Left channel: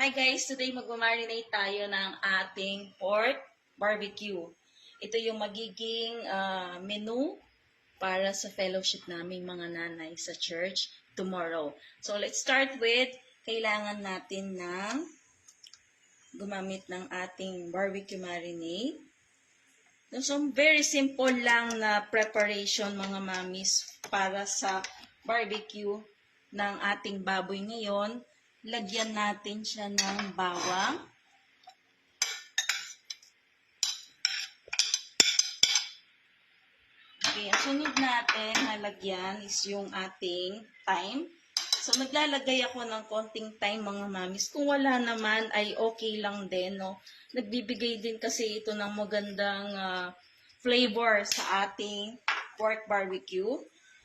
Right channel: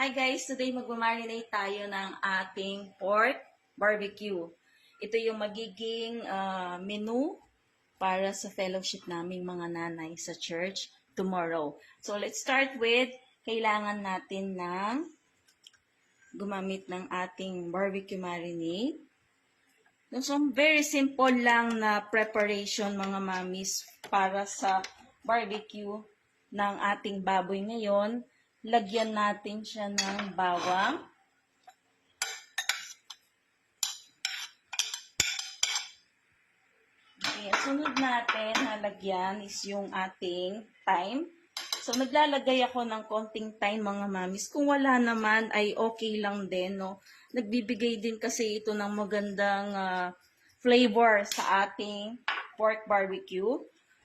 Hi guys, today magmamarinate tayo ng ating pork barbecue. Ito yung magiging menu para sa fellowship naming mga nanay sa church tomorrow. So let's start with, kailangan natin ng gumamit ng ating barbecue marinade. So very simple lang na preparation mga mamis para sa barbecue ng ating baboy ngayon. Lagyan natin siya ng bawang. Okay, ang sunod natin na lagyan is yung ating thyme. So, naglalagay ako ng konting thyme mga mamis. Kung wala naman ay okay lang din, no? Nagbibigay din kasi ito ng magandang flavor sa ating pork barbecue.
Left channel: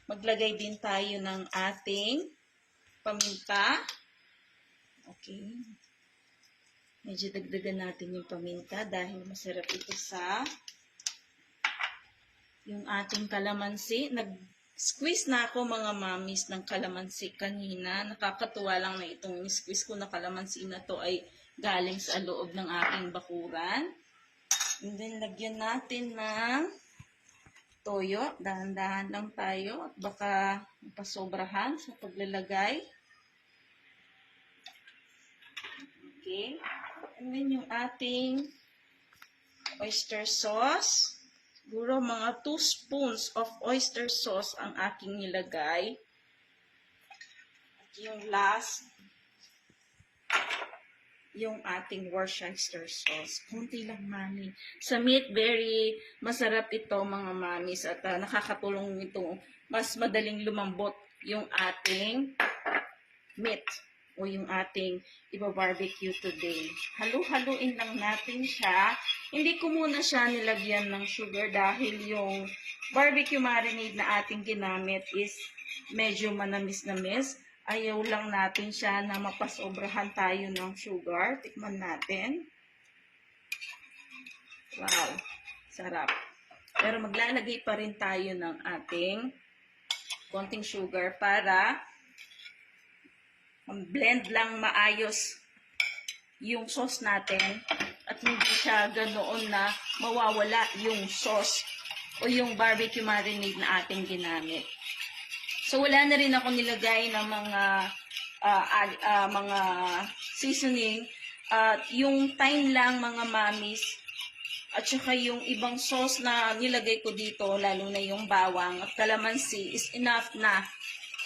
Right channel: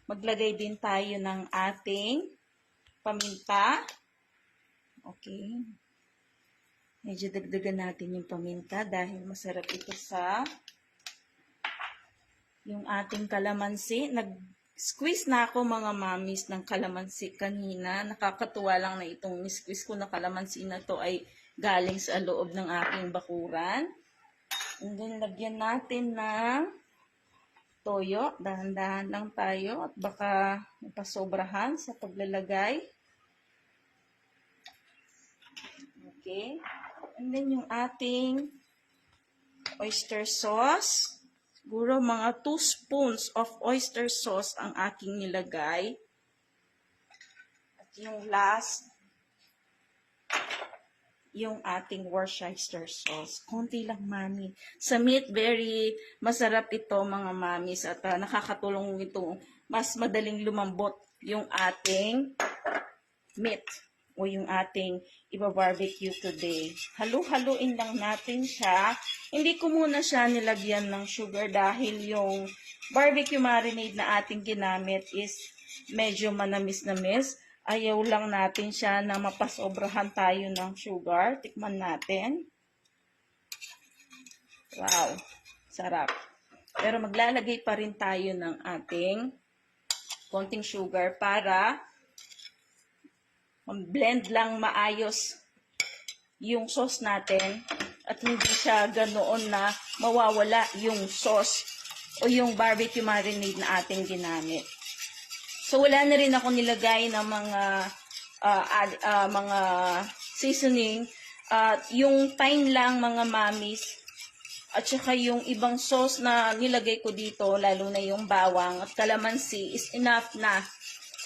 Maglagay din tayo ng ating paminta. Okay. Medyo dagdagan natin yung paminta dahil masarap ito sa yung ating kalamansi. Nag-squeeze na ako mga mamis ng kalamansi kanina. Nakakatuwa lang na itong squeeze ko na kalamansi na to ay galing sa loob ng aking bakuran. And then lagyan natin ng toyo. Dahan-dahan lang tayo at baka mapasobrahan sa paglalagay. Okay. And then yung ating oyster sauce. Siguro mga 2 spoons of oyster sauce ang aking nilagay. At yung last, yung ating Worcestershire sauce. Konti lang mami. Sa meat, very masarap ito mga mamis. At nakakatulong ito mas madaling lumambot yung ating meat o yung ating iba-barbecue today. Halu-haluin lang natin siya. Hindi ko muna siya nilagyan ng sugar dahil yung barbecue marinade na ating ginamit is medyo manamis-namis. Ayaw lang natin siya na mapasobrahan tayo ng sugar. Tikman natin. Wow, sarap. Pero maglalagay pa rin tayo ng ating konting sugar para blend lang maayos yung sauce natin at hindi siya ganoon na mawawala yung sauce o yung barbecue marinade na ating ginamit. So wala na rin ako nilagay ng mga seasoning at yung thyme lang mga mamis at saka yung ibang sauce na nilagay ko dito lalo na yung bawang at kalamansi is enough na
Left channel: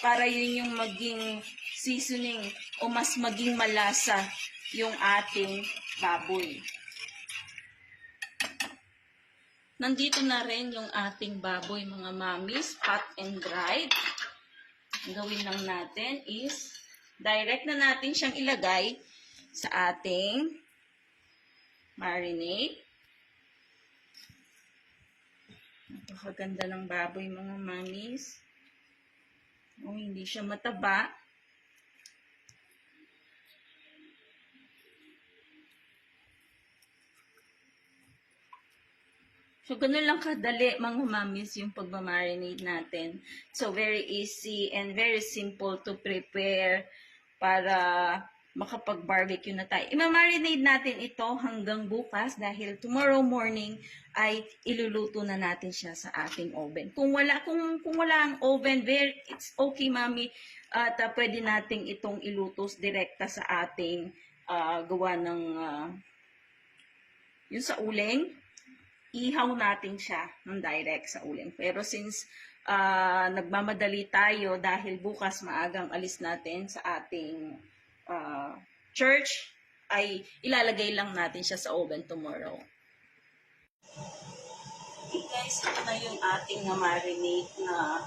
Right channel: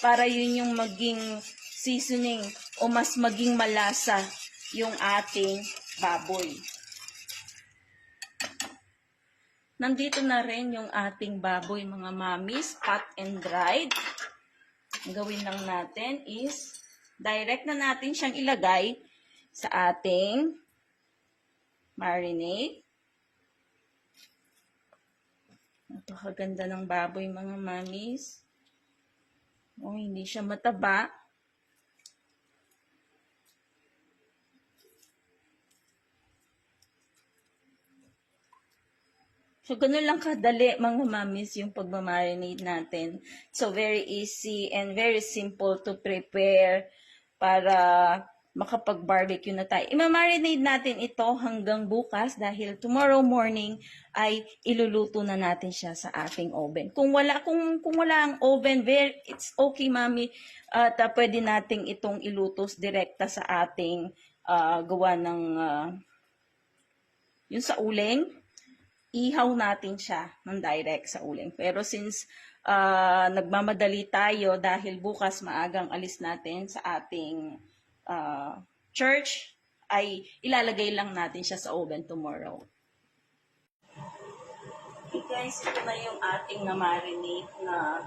para yun yung maging seasoning o mas maging malasa yung ating baboy. Nandito na rin yung ating baboy mga mamis, hot and dried. Ang gawin lang natin is direct na natin siyang ilagay sa ating marinade. Napakaganda ng baboy mga mamis. O, hindi siya mataba. So, ganun lang kadali mga mamis yung pagmamarinate natin. So, very easy and very simple to prepare para makapag-barbecue na tayo. I-marinate natin ito hanggang bukas dahil tomorrow morning ay iluluto na natin siya sa ating oven. Kung wala ang oven, it's okay mami. At pwede nating itong ilutos direkta sa ating gawa ng yung sa uling. Ihaw natin siya ng direct sa uling. Pero since nagmamadali tayo dahil bukas maagang alis natin sa ating church, ay ilalagay lang natin siya sa oven tomorrow. Okay guys, ito na yung ating na-marinate na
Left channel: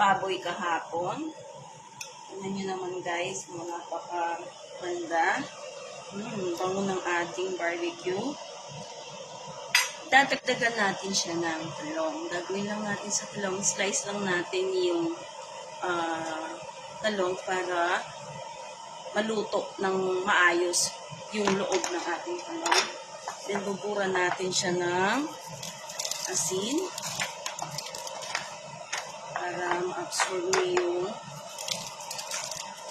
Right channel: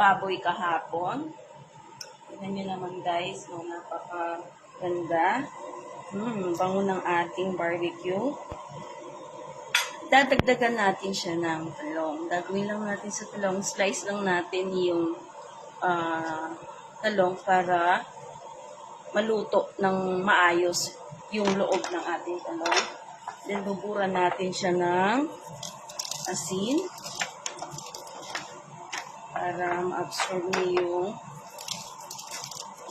baboy kahapon. Tingnan nyo naman guys, no, napaka-ganda. Bango ng ating barbecue. Dadagdagan natin siya ng talong. Gagawin lang natin sa talong. Slice lang natin yung talong para maluto ng maayos yung loob ng ating talong. Then, buburan natin siya ng asin para ma-absorb niyo yung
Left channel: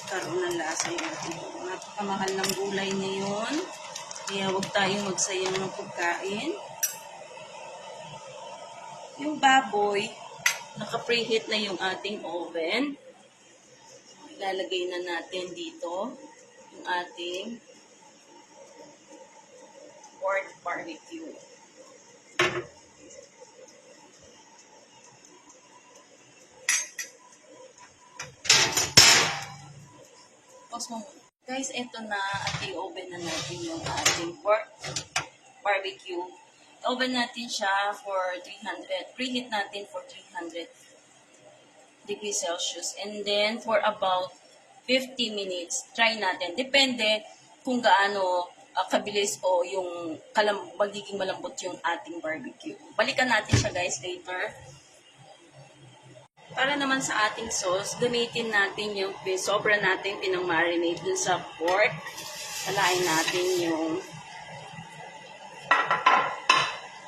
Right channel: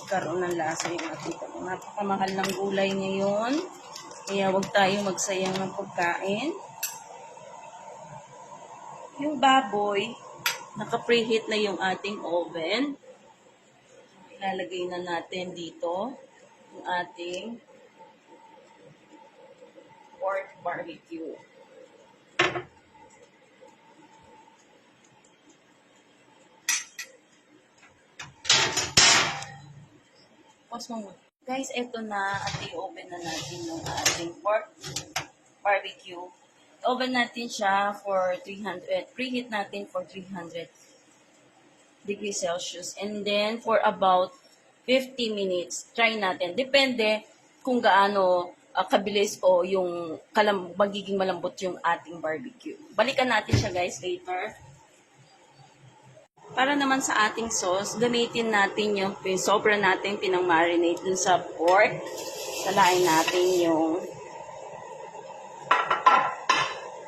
magkaroon ng lasa yung ating napakamahal ng gulay ngayon. Kaya huwag tayong magsayang ng pagkain. Yung baboy, naka-preheat na yung ating oven. Ilalagay na natin dito yung ating pork barbecue. Guys, eto na at i-oven na natin yung ating pork barbecue. Oven natin siya for 300, preheat natin for 300 degrees Celsius. And then, for about 50 minutes, try natin. Depende kung gaano kabilis o yung magiging malambot yung ating barbecue. Balikan natin siya guys later. Para naman sa ating sauce, gamitin natin yung sobra natin pinamarinate dun sa pork. Salain natin yung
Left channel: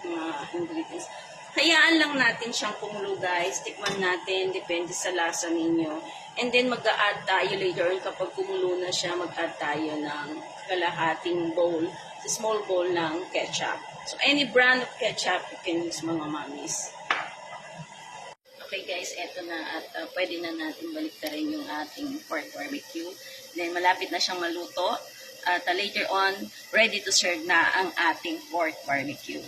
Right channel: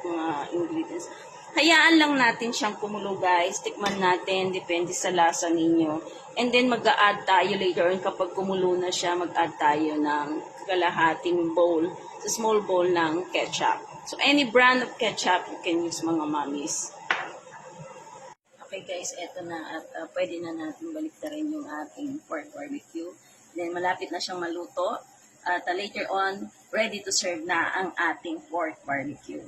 mga ingredients. Hayaan lang natin siyang kumulo guys. Tikman natin, depende sa lasa ninyo. And then mag-a-add tayo later on kapag kumulo na siya, mag-add tayo ng kalahating bowl, small bowl ng ketchup. So any brand of ketchup you can use mga mommies. Okay guys, eto na at pwede na natin baliktarin yung ating pork barbecue. Then malapit na siyang maluto at later on ready to serve na ang ating pork barbecue.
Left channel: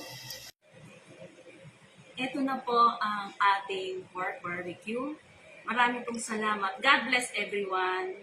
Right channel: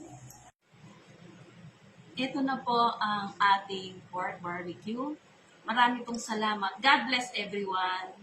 Ito na po ang ating pork barbecue. Maraming pong salamat. God bless everyone.